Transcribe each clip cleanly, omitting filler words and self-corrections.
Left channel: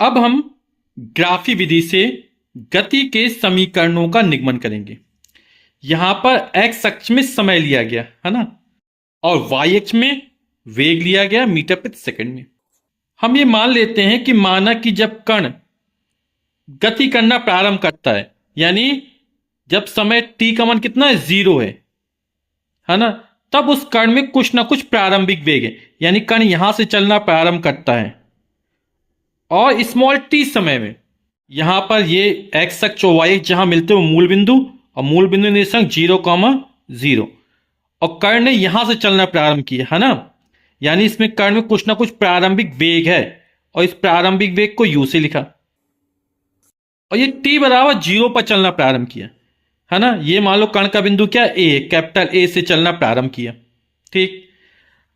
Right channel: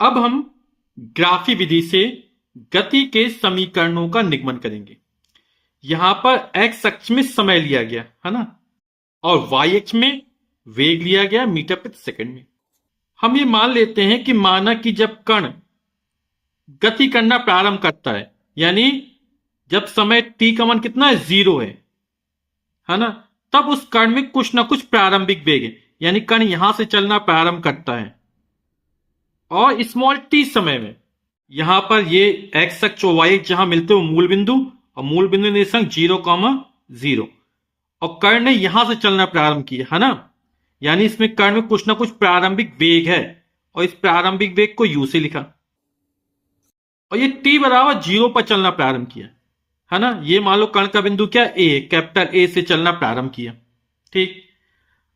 अब हम ग्राफी विधि से गति के समीकरणों का निगमन करेंगे। यहां पर एक्स अक्ष में समय लिया गया है ना, और वाई अक्ष में वेग लिया गया मीटर प्रति सेकंड में। हम ये मान लेते हैं कि माना कि जब कण गति करना प्रारंभ करता है, यानी जब समय t का मान कितना है, 0 है ना, तब उस कण में कुछ ना कुछ प्रारंभिक वेग है, यानी कण यहां से चलना प्रारंभ करता है और स्मॉल t समय में यहां पर ये एक्स अक्ष और वाई अक्ष जहां मिलते हो मूल बिंदु, और मूल बिंदु निर्देशांक 0,0, और कण ने यहां से चलना प्रारंभ किया है ना, यानी इसमें कण में कुछ ना कुछ प्रारंभिक वेग है, और इस प्रारंभिक वेग को u से लिखा, और ये t बराबर 0 पर चलना प्रारंभ किया है ना। ये मान लो कण का बिंदु क्या a, कैपिटल A से चलना प्रारंभ किया। ठीक,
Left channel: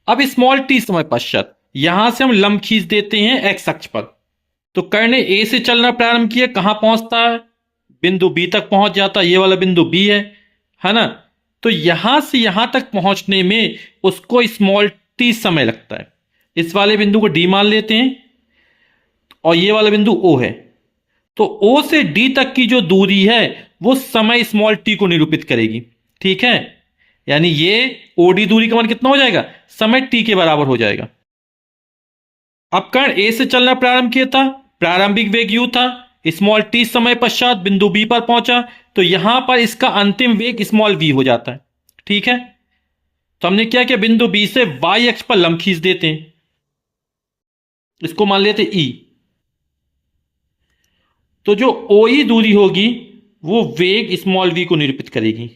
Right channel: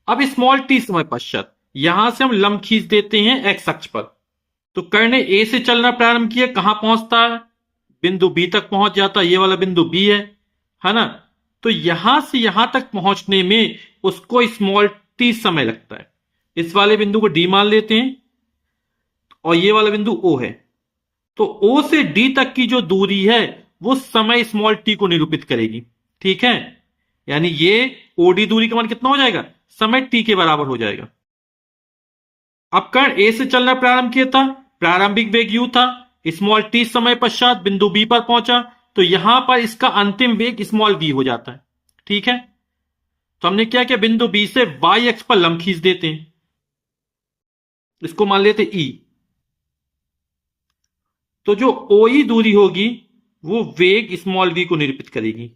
अब स्मॉल t समय पश्चात यहां से हम लंब खींच देते हैं x अक्ष पर। तो कण ने a से चलना प्रारंभ किया, कहां पहुंचता है, बिंदु b तक पहुंच जाता है, ये वाला बिंदु b है ना। तो यहां से यहां तक पहुंचने में उसको स्मॉल t समय लगता है। इस वाले बिंदु को d मान लेते हैं, और ये वाला बिंदु o है। तो o से d तक की जो दूरी है वो समय स्मॉल t को निरूपित करेगी। ठीक है, यानी ये OD दूरी का मान कितना हो जाएगा, समय t के बराबर हो जाएगा। अब कण a से चलना प्रारंभ किया था, प्रारंभिक वेग u था, स्मॉल t समय पश्चात बिंदु b पर पहुंचा, तो यहां पर इसका अंतिम वेग स्मॉल v हो जाता है। ठीक है, तो हमने क्या किया, बिंदु b से y अक्ष पर लंब खींच देते हैं, इसको मान लेते e। तो जो OE दूरी होगी वो वेग स्मॉल v को निरूपित करेगी,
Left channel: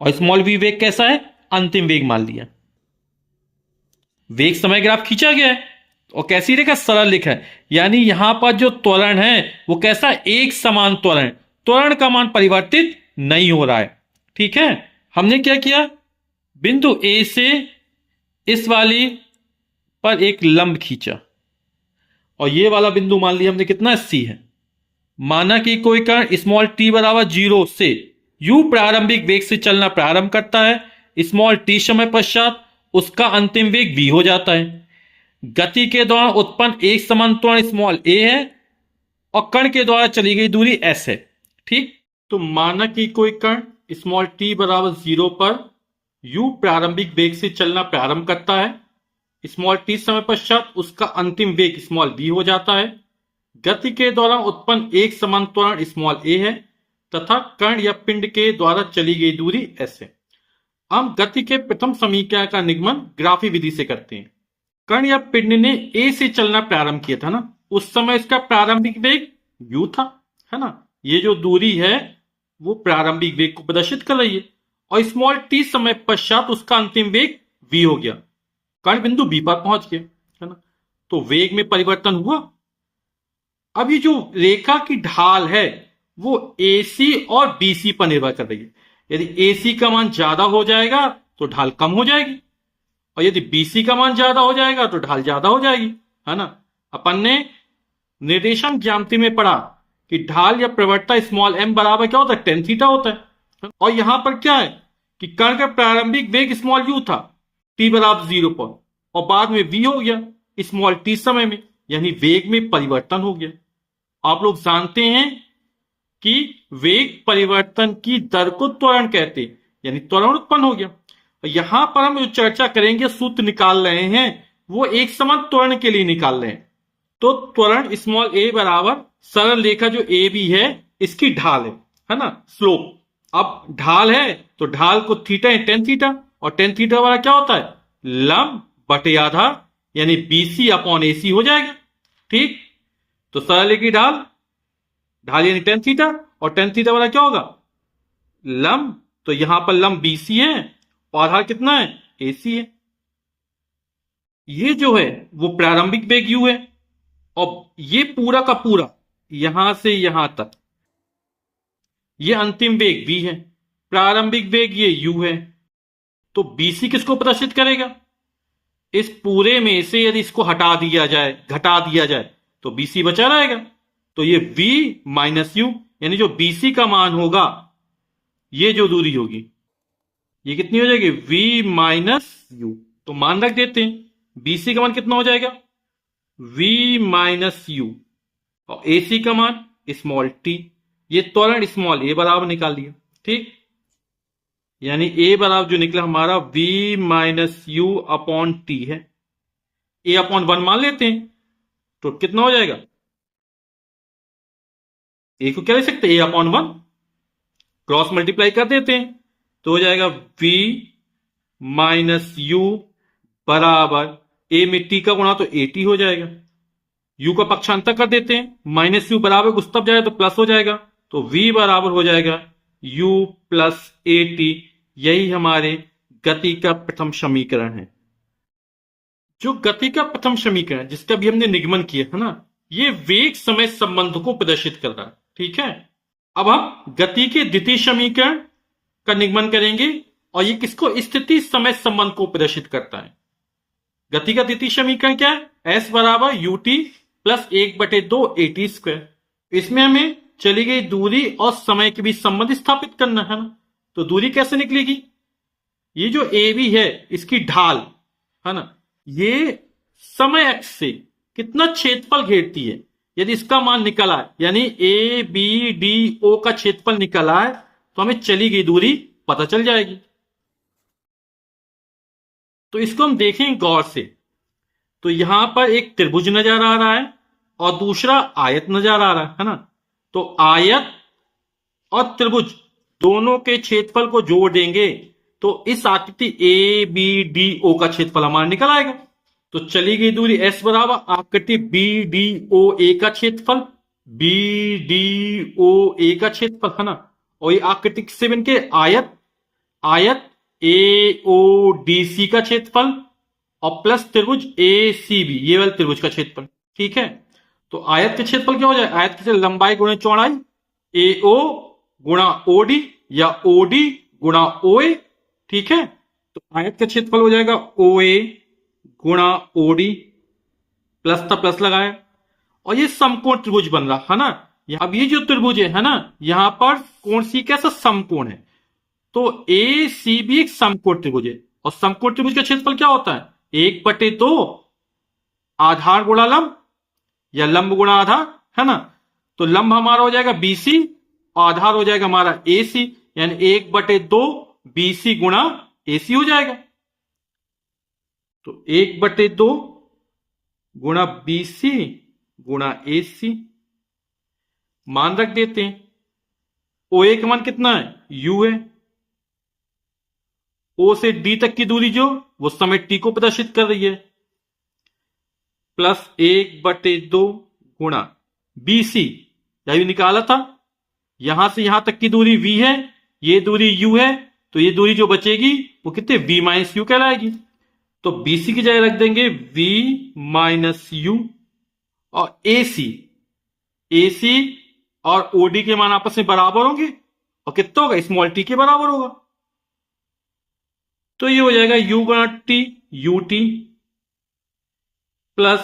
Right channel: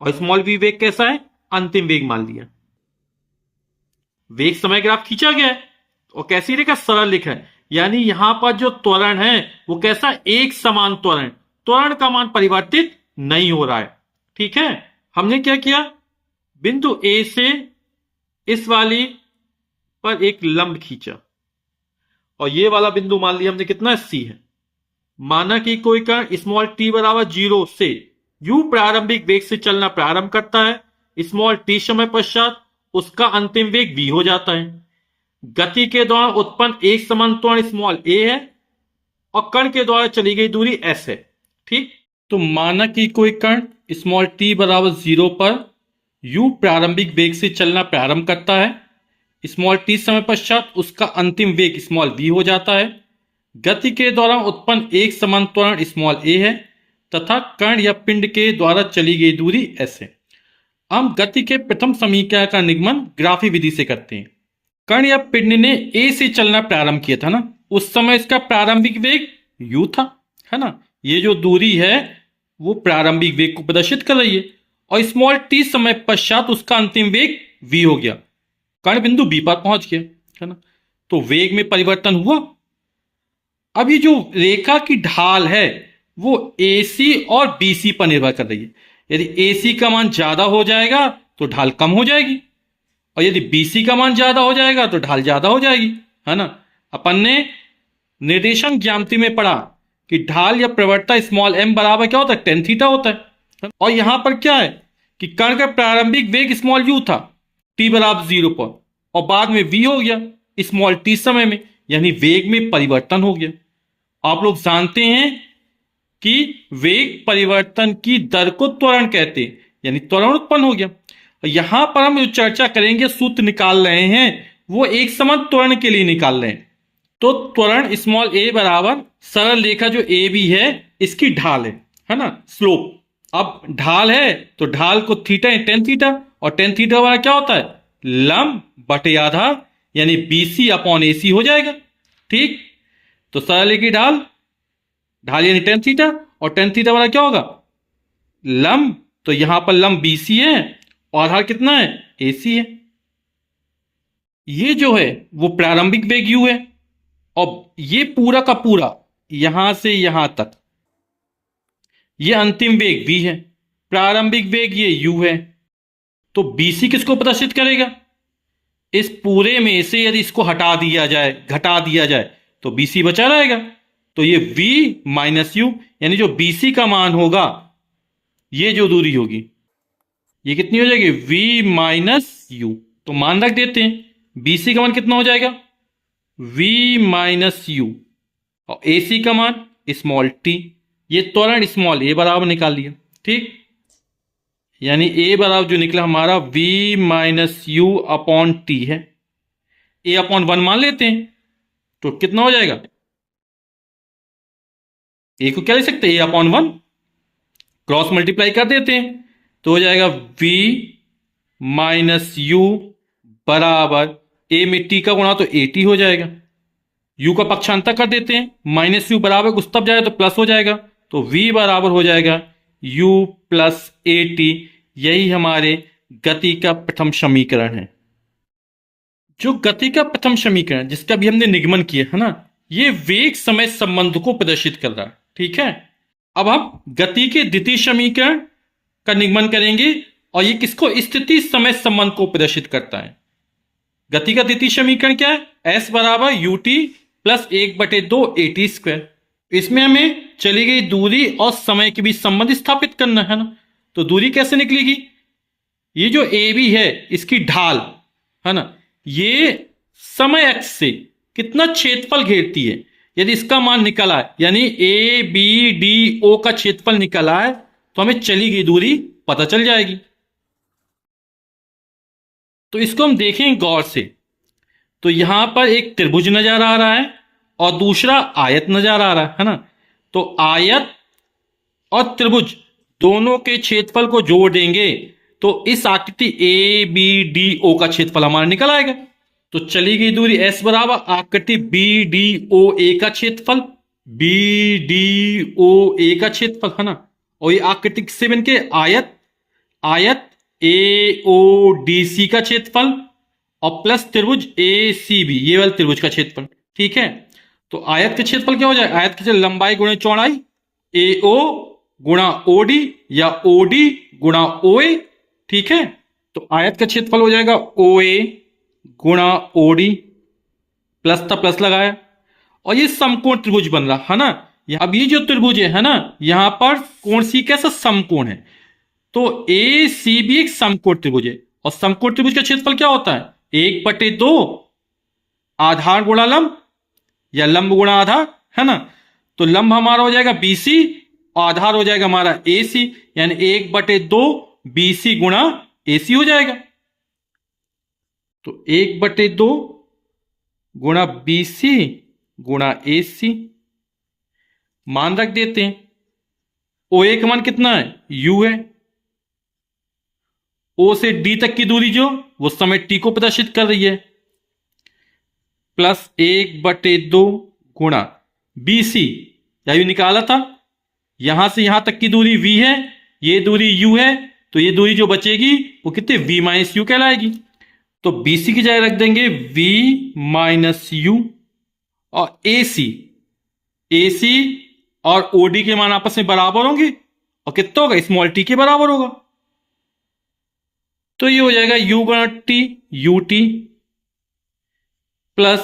और स्मॉल v वेग कैसा है, अंतिम वेग मान लिया। वेग समय ग्राफ खींचा गया है, और कैसी रेखा, सरल रेखा है, यानी यहां पर जो त्वरण है वो कैसा, एक समान त्वरण, त्वरण का मान परिवर्तित नहीं हो रहा है। ठीक है, हमने क्या किया, बिंदु A से इस वाली पर एक लंब खींचा, और ये वाला बिंदु मान लिया हमने कितना, C है। माना कि कोई कण स्मॉल t बराबर 0 से u प्रारंभिक वेग से चलना प्रारंभ करता है, स्मॉल t समय पश्चात उसका अंतिम वेग v हो जाता है। गति के दौरान उत्पन्न एक समान त्वरण स्मॉल a है, और कण के द्वारा चली गई दूरी s है। ठीक, तो माना कि कोई कण स्मॉल t बराबर 0 पर u प्रारंभिक वेग से चलना प्रारंभ करता है, स्मॉल t समय पश्चात उसका अंतिम वेग स्मॉल v हो जाता है। गति के दौरान उत्पन्न एक समान त्वरण स्मॉल a है, तथा कण या पिंड के द्वारा चली गई दूरी s है। हम गति के प्रथम समीकरण का निगमन ग्राफी विधि से करते हैं। कण या पिंड ने a से चलना प्रारंभ किया था ना, उस समय इसका प्रारंभिक वेग u था, है ना। ये जो दूरी है वो प्रारंभिक वेग को प्रदर्शित कर रही है, और स्मॉल t समय पश्चात उसका अंतिम वेग v हो गया, कण बिंदु b पर पहुंच गया, है ना। तो वेग में परिवर्तन हुआ। अब ये जो रेखा की ढाल है वो AC और BC पर निर्भर कर रही है। यदि AC का मान ज्यादा हो जाएगा तो ढाल कम हो जाएगी, और यदि BC का मान ज्यादा हो जाएगा तो ढाल ज्यादा हो जाएगी, है ना। अपन ने निर्देशांक ज्यामिति में पढ़ा कि ढाल या प्रवणता स्मॉल m बराबर क्या होता है, tan थीटा होता है। और यहां पर क्या है कि कण का प्रारंभिक वेग स्मॉल u था t बराबर 0 पर, और बाद में v हो गया स्मॉल t समय में, यानी वेग में परिवर्तन हो गया। आप लोग जानते हैं कि वेग परिवर्तन की दर को त्वरण कहते हैं, यानी त्वरण उत्पन्न हो गया। यहां पर हम जो चर्चा करेंगे, सूत्र निकाल रहे हैं, वो एक समान त्वरण के लिए निकाल रहे हैं। तो त्वरण स्मॉल a बराबर सरल रेखा जो ए बी है इसकी ढाल है ना, स्लोप। अब ढाल है तो ढाल को थीटा है टेन थीटा, और टेन थीटा वाला क्या होता है, लंब बटे आधार, यानी BC अपॉन AC हो जाएगा। ठीक, तो सरल की ढाल, ढाल यानी टेन थीटा, और टेन थीटा वाला क्या होगा, लंब। तो यहां पर लंब BC है और आधार कितना है, AC है। ये जो है वो प्रारंभिक वेग u है, और ये पूरा का पूरा यहां से यहां तक ये अंतिम वेग v है, प्रारंभिक वेग ये u है। तो BC किसको प्रदर्शित करेगा, इस पूरे में से यदि इसको हटा दिया जाए, घटा दिया जाए, तो BC बचा रहेगा। तो ये v माइनस यू, यानी जो BC का मान होगा, ये जो दूरी होगी ये कितनी हो जाएगी, v माइनस यू। तो मान रख देते हैं, BC का मान कितना हो जाएगा, v माइनस यू, और AC का मान स्मॉल t। ये त्वरण स्मॉल a बराबर निकाल लिया, ठीक। यानी a बराबर जो निकला हमारा v minus you upon T है, a अपॉन 1 मान लेते हैं, तो कितना हो जाएगा, a को क्या लिख सकते हैं, a अपॉन 1, क्रॉस मल्टीप्लाई कर देते हैं तो हो जाएगा v माइनस यू बराबर a में t का गुणा तो 80 हो जाएगा, u का पक्षांतर कर देते हैं, माइनस यू बराबर कुछ तब जाए तो प्लस हो जाएगा, तो v बराबर हो जाएगा u प्लस 80। यही हमारे गति का प्रथम समीकरण है। जो गति का प्रथम समीकरण जिसका भी हमने निगमन किया है ना, ये वेग समय संबंध को प्रदर्शित कर रहा है, ठीक है। अब हम गति के द्वितीय समीकरण का निगमन करेंगे और ये किसको, स्थिति समय संबंध को प्रदर्शित करता है। गति का द्वितीय समीकरण क्या है, s बराबर U T plus 1/2 AT square. इसमें हमें चली गई दूरी और समय के बीच संबंध स्थापित करना है ना, तो दूरी कैसे निकलेगी, ये जो AB है इसकी ढाल है ना, ये समय अक्ष से कितना क्षेत्रफल घेरती है, यदि इसका मान निकल आए यानी ABDO का क्षेत्रफल निकल आए तो हमें चली गई दूरी पता चल जाएगी। तो इसको हम देखें गौर से, तो यहां पर एक त्रिभुज नजर आ रहा है और दूसरा आयत नजर आ रहा है ना, तो आयत और त्रिभुज दोनों के क्षेत्रफल को जोड़ देंगे तो इस आकृति ABDO का क्षेत्रफल हमारा निकल आएगा। तो चली गई दूरी S बराबर आकृति BDOA का क्षेत्रफल, BDOA का क्षेत्रफल है ना, और ये आकृति से बन के आयत, आयत AODC का क्षेत्रफल और प्लस त्रिभुज ACB, ये वाला त्रिभुज का क्षेत्रफल, ठीक है। तो आयत के क्षेत्रफल क्या हो जाए, आयत के लंबाई गुणा चौड़ाई, AO गुणा OD या OD गुणा OA, ठीक है। तो आयत का क्षेत्रफल हो जाएगा OA गुणा OD, प्लस था प्लस लगाया, और ये समकोण त्रिभुज बन रहा है ना। अब ये जो त्रिभुज है ना, यहां पर कोण सी कैसा समकोण है, तो ACB एक समकोण त्रिभुज है, और समकोण त्रिभुज का क्षेत्रफल क्या होता है, 1/2 आधार गुणा लंब या लंब गुणा आधार है ना। तो लंब हमारा हो जाएगा BC, आधार हो जाएगा हमारा AC, यानी 1/2 BC गुणा AC हो जाएगा। तो 1/2 गुणा BC गुणा AC, मान रख देते हैं। OA का मान कितना है, U है। O से D तक की दूरी जो वो समय T को प्रदर्शित कर रही है, प्लस 1/2 गुणा BC, यही निकाला था, यहां से यहां तक की दूरी V है, ये दूरी U है, तो ये दूरी जो बचेगी वो कितने, V माइनस U कहलाएगी। तो BC की जगह रख देंगे V माइनस U, और AC और OD के मान आपस में बराबर होंगे, और कितना होगा, स्मॉल t के बराबर होगा। तो ये हो जाएगा U गुणा T UT plus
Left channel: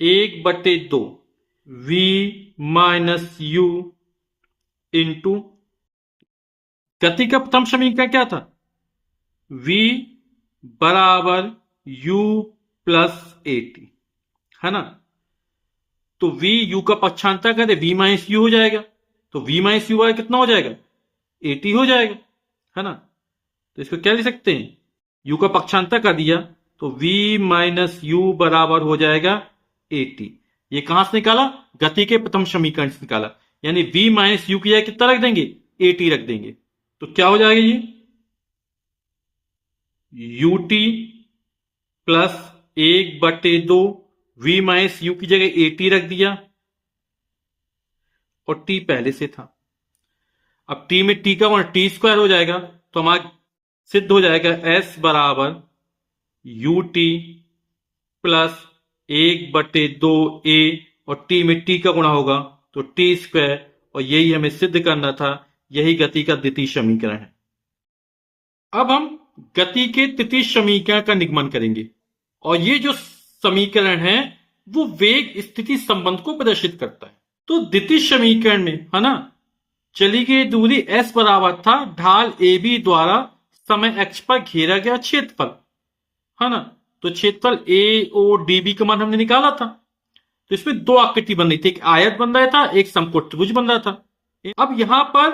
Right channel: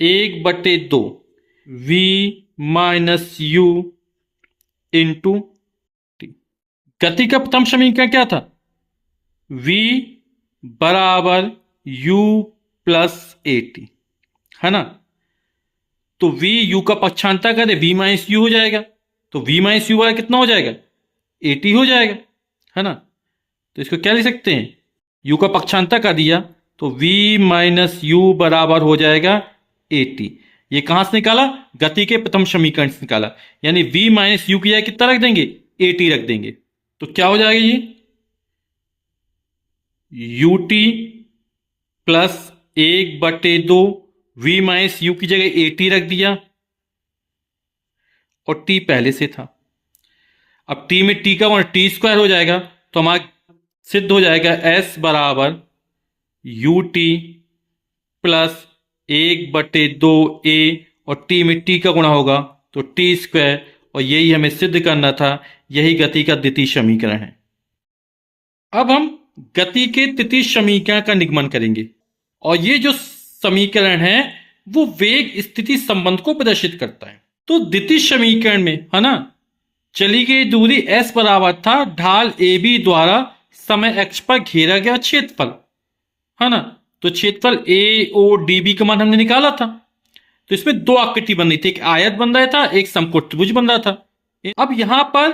1/2 V minus U into T. गति का प्रथम समीकरण क्या था, V बराबर U प्लस AT है ना। तो V U का पक्षांतर करे V माइनस U हो जाएगा, तो V माइनस U कितना हो जाएगा, AT हो जाएगा है ना। तो इसको क्या लिख सकते हैं, U का पक्षांतर कर दिया तो V माइनस U बराबर हो जाएगा AT। ये कहां से निकाला, गति के प्रथम समीकरण से निकाला, यानी V माइनस U की जगह कितना रख देंगे, AT रख देंगे। तो क्या हो जाएगा, ये UT plus 1/2 V minus U की जगह AT रख दिया, और T पहले से था। अब T में T का मान T स्क्वायर हो जाएगा, तो हमारा सिद्ध हो जाएगा S बराबर UT प्लस 1/2 A, और T में T का गुणा होगा तो T स्क्वायर, और यही हमें सिद्ध करना था, यही गति का द्वितीय समीकरण है। अब हम गति के तृतीय समीकरण का निगमन करेंगे, और ये जो समीकरण है वो वेग स्थिति संबंध को प्रदर्शित करता है। तो द्वितीय समीकरण में है ना, चली गई दूरी S बराबर था ढाल AB द्वारा समय अक्ष पर घेरा गया क्षेत्रफल है ना। तो क्षेत्रफल AODB का मान हमने निकाला था, तो इसमें दो आकृति बन रही थी, एक आयत बन रहा था, एक समकोण त्रिभुज बन रहा था। अब यहां पर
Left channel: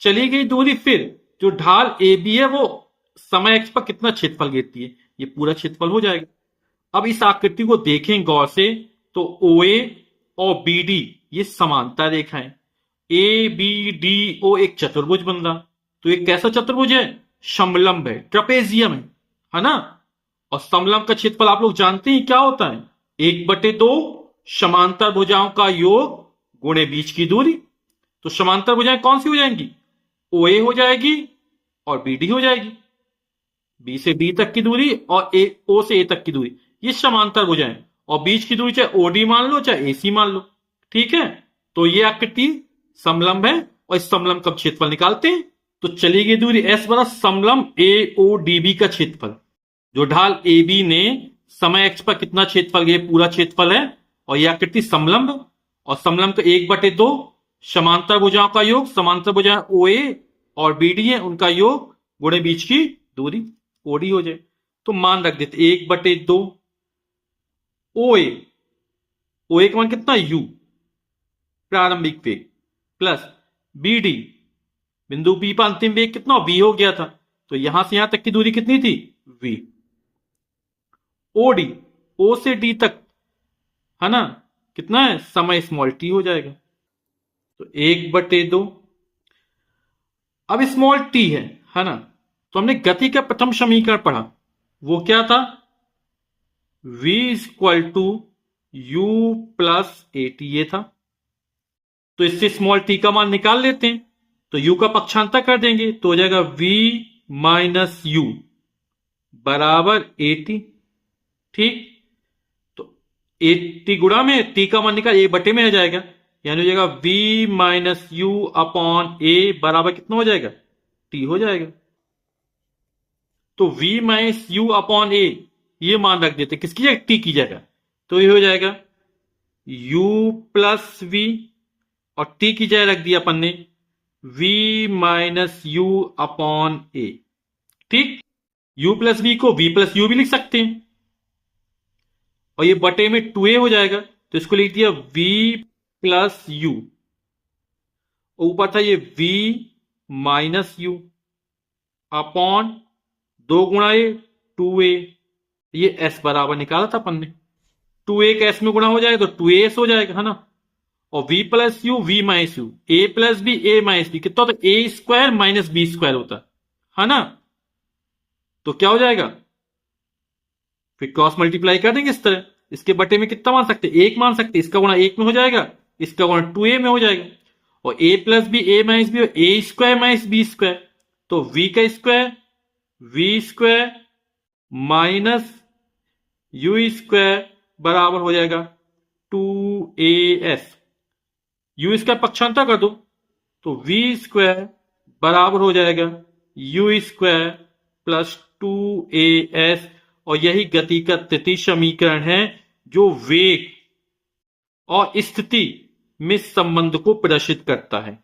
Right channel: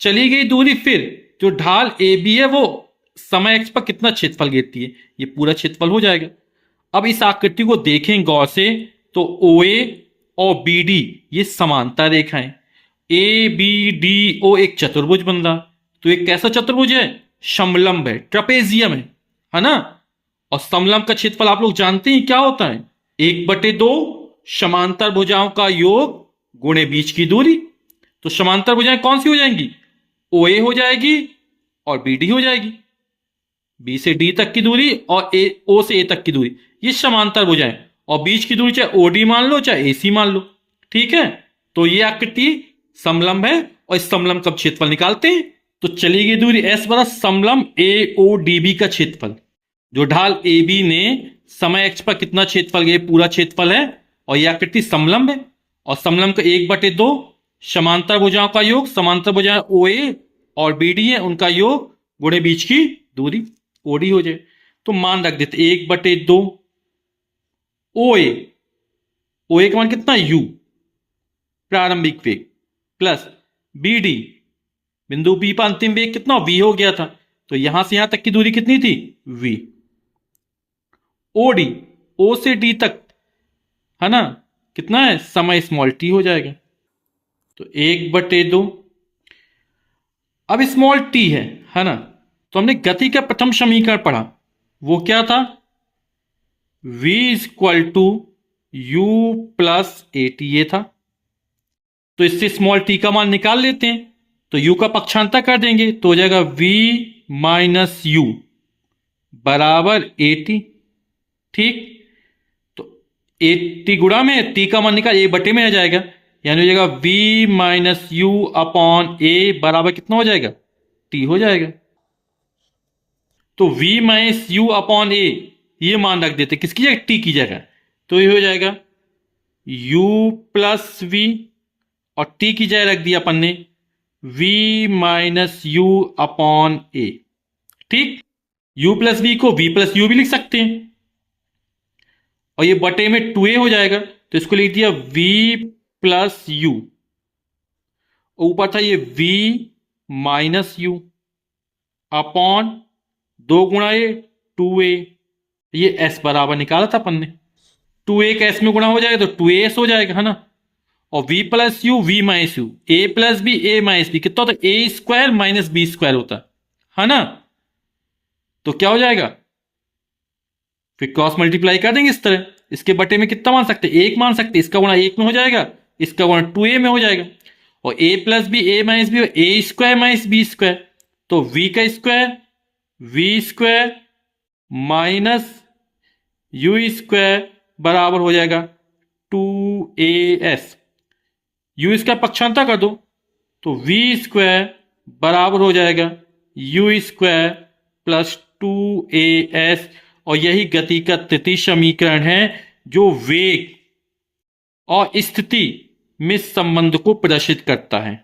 चली गई दूरी, फिर जो ढाल ए बी है वो समय x पर कितना क्षेत्रफल घेरती है, ये पूरा क्षेत्रफल हो जाएगा। अब इस आकृति को देखें गौर से तो OA और BD ये समांतर रेखाएं, ABDO एक चतुर्भुज बन रहा। तो एक कैसा चतुर्भुज है, समलंब है, ट्रपेजियम है ना। और समलंब का क्षेत्रफल आप लोग जानते हैं क्या होता है, 1/2 समांतर भुजाओं का योग गुणे बीच की दूरी। तो समांतर भुजाएं कौन सी हो जाएंगी, OA हो जाएगी और BD हो जाएगी, B से D तक की दूरी और O से A तक की दूरी, ये समांतर भुजाएं। और बीच की दूरी चाहे OD मान लो चाहे AC मान लो, ठीक है। तो ये आकृति समलंब है और इस समलंब का क्षेत्रफल निकालते हैं। तो चली गई दूरी S बराबर समलंब AODB का क्षेत्रफल। जो ढाल AB ने समय x पर कितना क्षेत्रफल, ये पूरा क्षेत्रफल है और यह आकृति समलंब है। और समलंब का 1/2 समांतर भुजाओं का योग, समांतर भुजाएं OA और BD है, उनका योग गुणे बीच की दूरी OD हो जाए। तो मान रख देते 1/2 OA का मान कितना U प्रारंभिक वेग, प्लस BD बिंदु B पर अंतिम वेग कितना V हो गया था, तो यहां से यहां तक की दूरी कितनी थी V। OD O से D तक है ना, कितना है समय स्मॉल t हो जाएगा। तो 1/2 अब स्मॉल t है ना। तो हमने गति का प्रथम समीकरण पढ़ा, वो क्या था, v = u + at ये था। तो इससे स्मॉल t का मान निकाल लेते हैं, तो u का पक्षांतर कर देंगे तो हो जाएगा v - u बराबर at, ठीक। तो 80 गुणा में t का मान निकाल 1/में आ जाएगा, यानी हो जाएगा v - u/a बराबर कितना हो जाएगा, t हो जाएगा। तो v - u/a ये मान रख देते किसकी जगह, t की जगह। तो ये हो जाएगा u + v और t की जगह रख दिया अपन ने v - u/a, ठीक। u + v को v + u भी लिख सकते हैं और ये बटे में 2a हो जाएगा, तो इसको लिख दिया v + u। ऊपर था ये v - u अपॉन 2 गुणा a 2a, ये s बराबर निकाला था अपन ने। 2a का s में गुणा हो जाएगा तो 2as हो जाएगा, है ना। और v + u v - u, a + b a - b कितना होता है, a² - b² होता है ना। तो क्या हो जाएगा, फिर क्रॉस मल्टीप्लाई कर देंगे इस तरह। इसके बटे में कितना मान सकते हैं, 1 मान सकते हैं, इसका गुणा 1 में हो जाएगा, इसका गुणा 2a में हो जाएगा। और a + b a - b a² - b², तो v का स्क्वायर v² - u² बराबर हो जाएगा 2as। u² पक्षांतर कर दो तो v² बराबर हो जाएगा u² + 2as। और यही गति का तृतीय समीकरण है जो वेग और स्थिति में संबंध को प्रदर्शित करता है।